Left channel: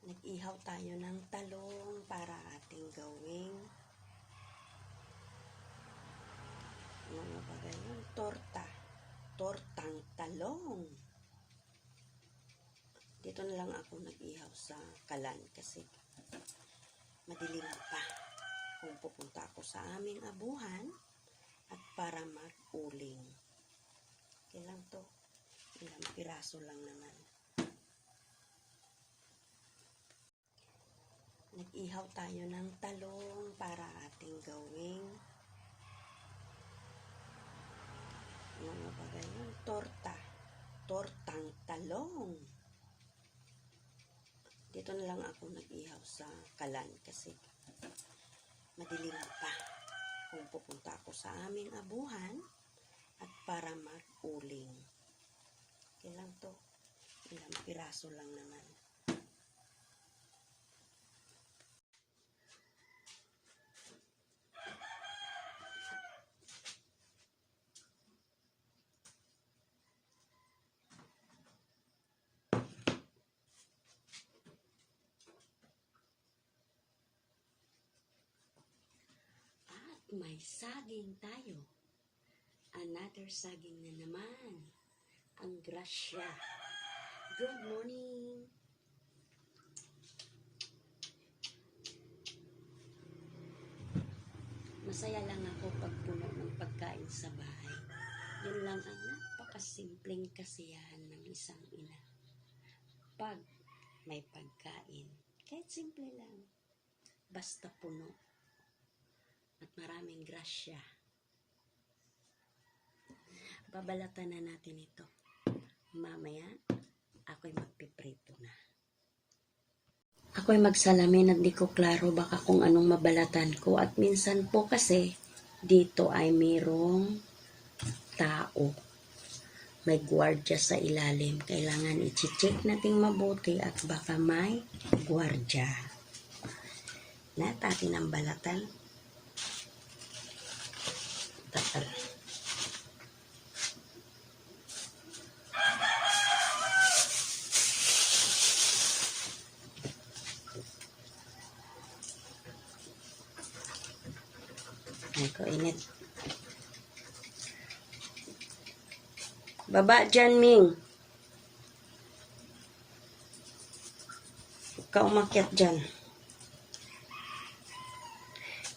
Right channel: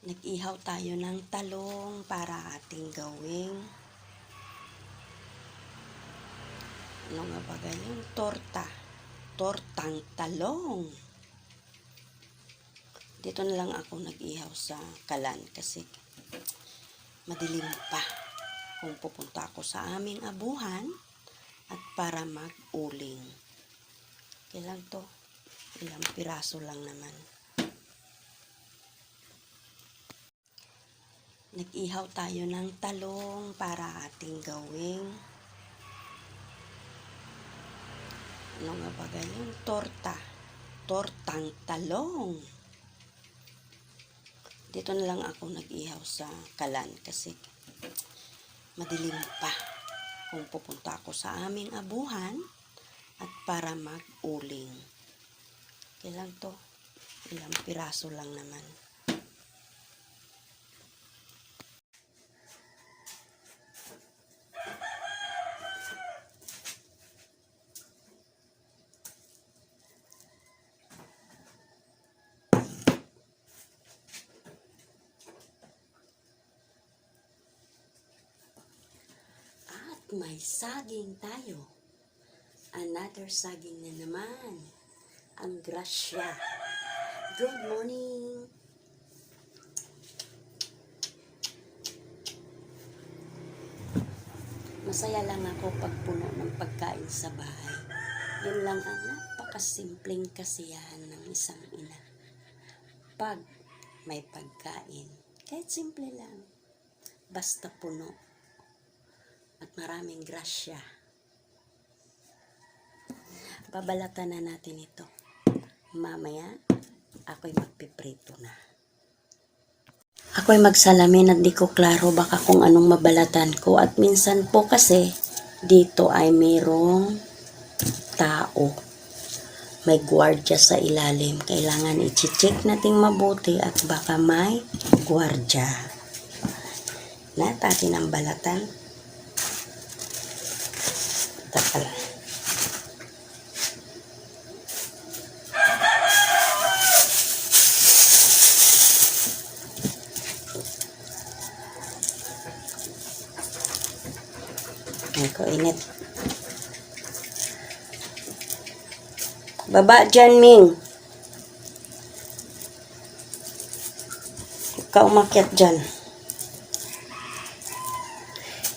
Nag-ihaw tayo ng talong para ating gawing ano nga ba yung tortang talong. Dito na lang ako nag-ihaw sa kalan kasi madilim pa kung pupunta ako sa aming abuhan at para mag-uling. Kailan to? Ilang piraso lang naman. Nag-ihaw tayo ng talong para ating gawing ano nga ba yung tortang talong. Dito na lang ako nag-ihaw sa kalan kasi madilim pa kung pupunta ako sa aming abuhan at para mag-uling. Kailan to? Ilang piraso lang naman. May saging tayo. Another saging na naman. Ang grasya. Good morning. Masaya lang ako pag puno ng pagkain sa bahay. Yun lang ang napakasimpleng kasiyahan ng isang ina. Pag may pagkain, kahit simple lang, basta puno at maraming grasya. Babalatan na natin ito. Mamaya, ako'y magpiprito na. Ako'y magsalamin at di ko klaro baka kung anong mabalatan ko. At minsan po kasi, dito ay mayroong tao. May gwardya sa ilalim. Kailangan i-check nating mabuti at baka may gwardya. Lahat atin ang balatan. Takala. Ako init. Baba dyan, Ming. Huwag ka umakyat dyan.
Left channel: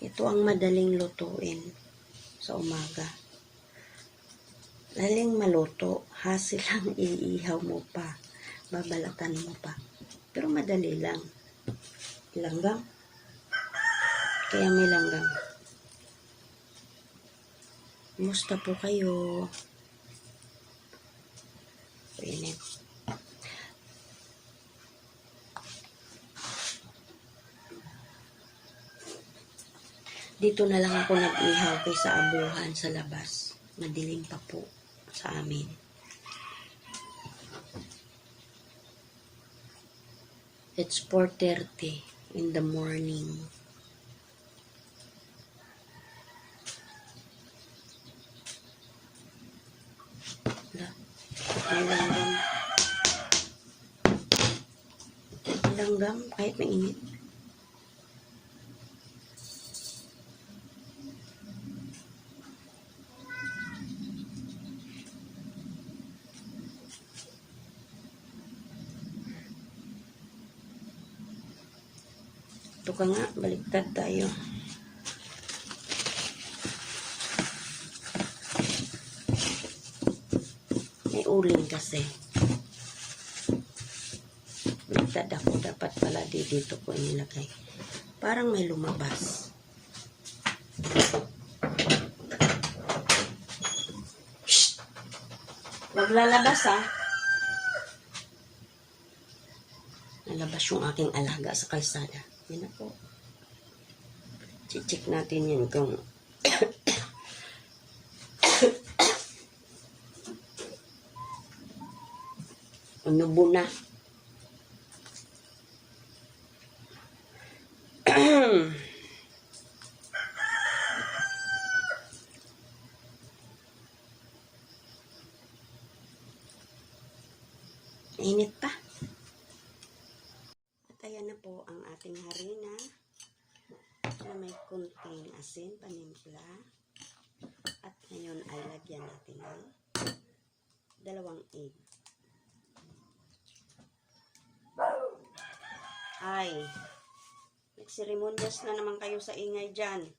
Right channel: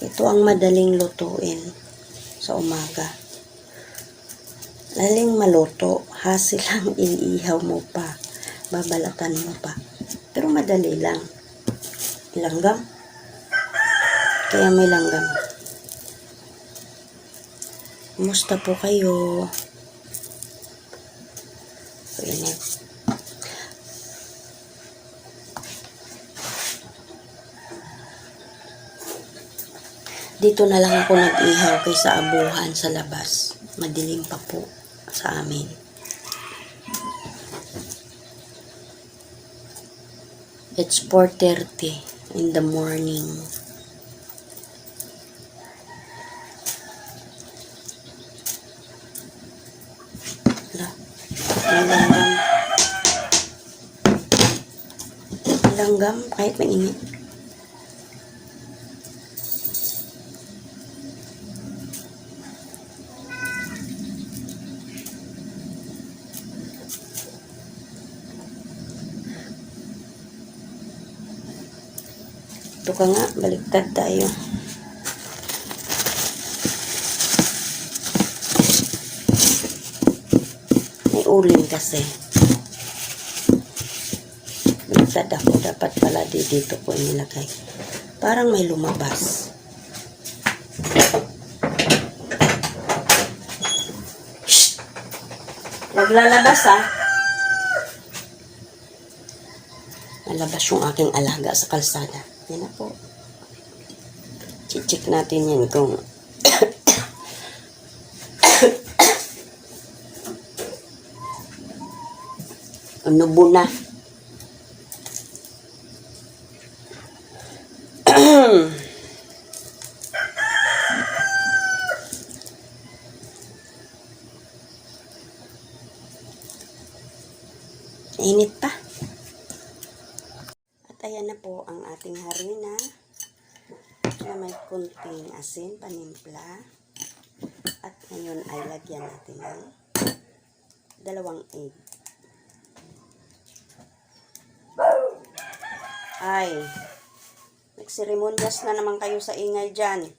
Ito ang madaling lutuin sa umaga. Laling maluto, hasil lang iihaw mo pa, babalatan mo pa. Pero madali lang. Langgam. Kaya may langgam. Kumusta po kayo? Init. Dito na lang ako nag-ihaw kaysa abuhan sa labas. Madilim pa po sa amin. It's 4:30 in the morning. Langgam kahit mainit. Ito ka nga, baliktad tayo. May uling kasi. Baliktad ako, dapat pala dito ko nilagay. Parang may lumabas. Shhh! Naglalabas ah. Nalabas yung aking alaga sa kalsada. Yan na po. Check natin yan kung nubo na. Init pa. At ayan na po ang ating harina na may kunting asin, panimpla. At ngayon ay lagyan natin ng 2 egg. Ay, nagseremonyas na naman kayo sa ingay dyan.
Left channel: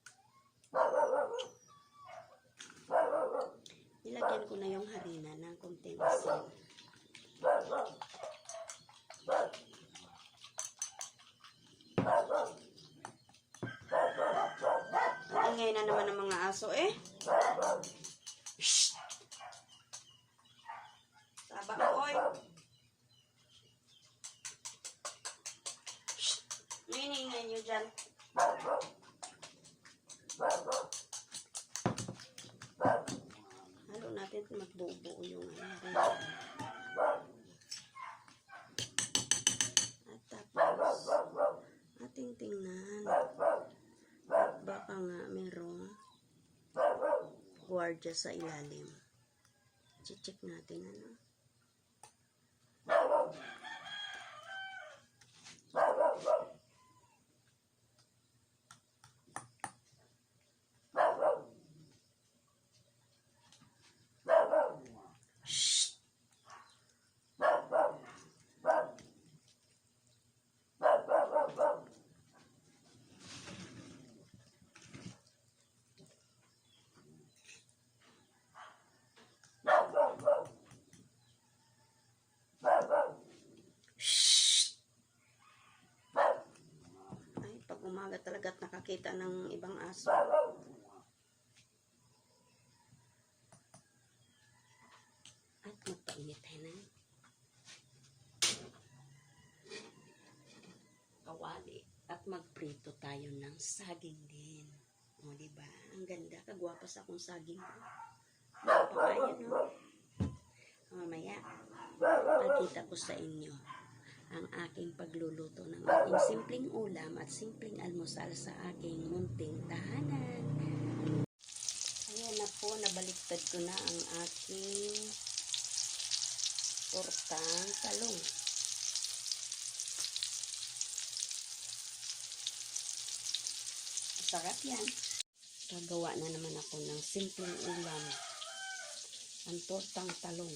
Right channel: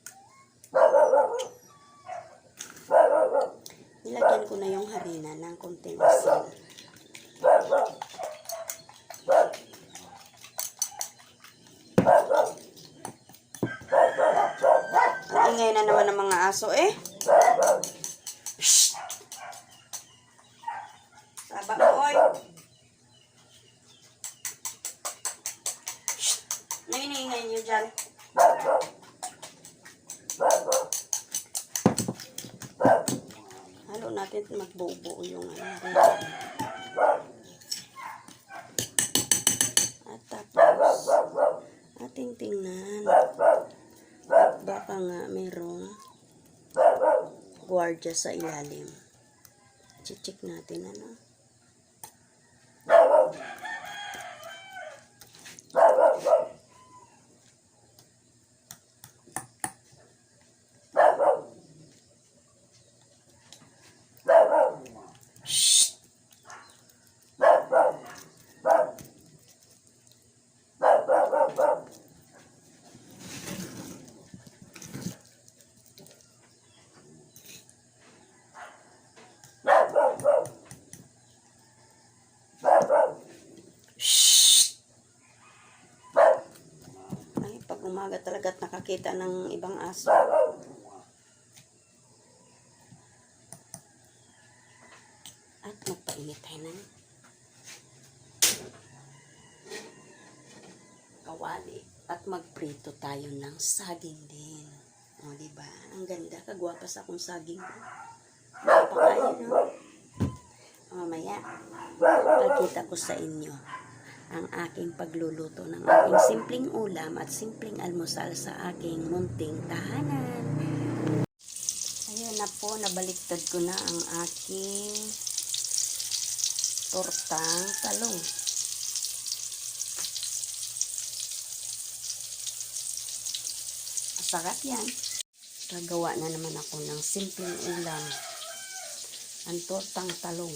Nilagyan ko na yung harina ng kunting asin. Ang ingay na naman ng mga aso eh. Shhh! Saba mo, oy. Shhh! Ano iniingay niyo dyan? Halo natin magbuo-buo yung harina. At tapos, ating tingnan. Baka nga mayroong gwardiya sa ilalim. Check natin ano. Shhh! Ay, pag umaga talaga at nakakita ng ibang aso. At magpainit tayo ng kawali. At magprito tayo ng saging din. O, diba? Ang ganda. Kagwapa sa akong saging. Napakain, no? Mamaya, pagkita ko sa inyo ang aking pagluluto ng aking simpleng ulam at simpleng almusal sa aking munting tahanan. Ayan na po, nabaliktad ko na ang aking tortang talong. Masarap yan. Gagawa na naman ako ng simpleng ulam. Ang tortang talong.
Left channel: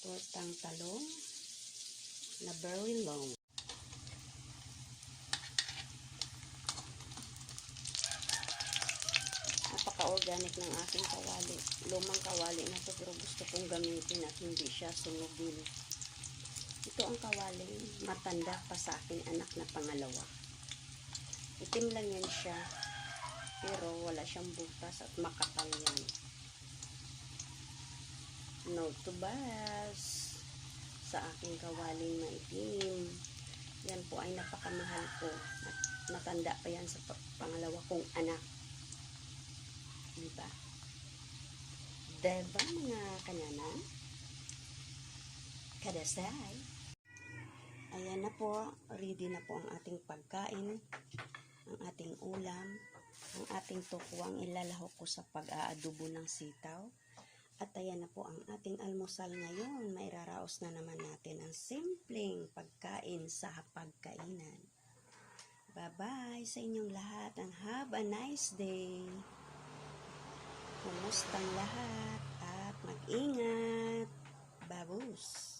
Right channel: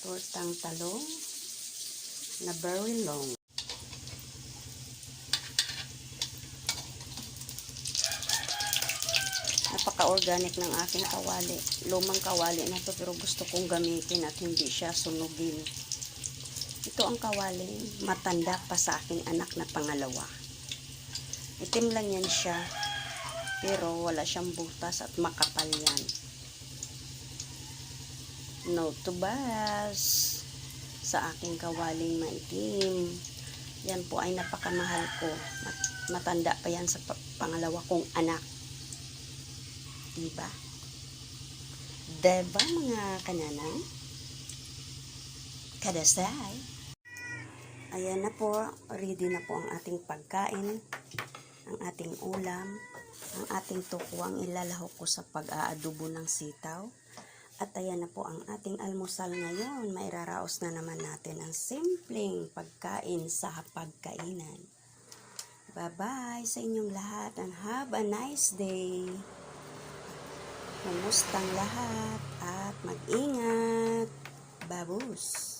Tortang talong na very long. Napaka-organic ng aking kawali. Lumang kawali na to pero gusto kong gamitin at hindi siya sunugin. Ito ang kawali matanda pa sa aking anak na pangalawa. Itim lang yan siya pero wala siyang butas at makapal yan. No tubas sa aking kawaling maitim. Yan po ay napakamahal ko. Matanda pa yan sa pangalawa kong anak. Diba? Diba mga kananay? Kadasay. Ayan na po. Ready na po ang ating pagkain. Ang ating ulam. Ang ating tukwang ilalahok ko sa pag-aadobo ng sitaw. At ayan na po ang ating almusal ngayon. Mairaraos na naman natin ang simpleng pagkain sa pagkainan. Bye-bye sa inyong lahat and have a nice day. Kumustang lahat at mag-ingat. Babus!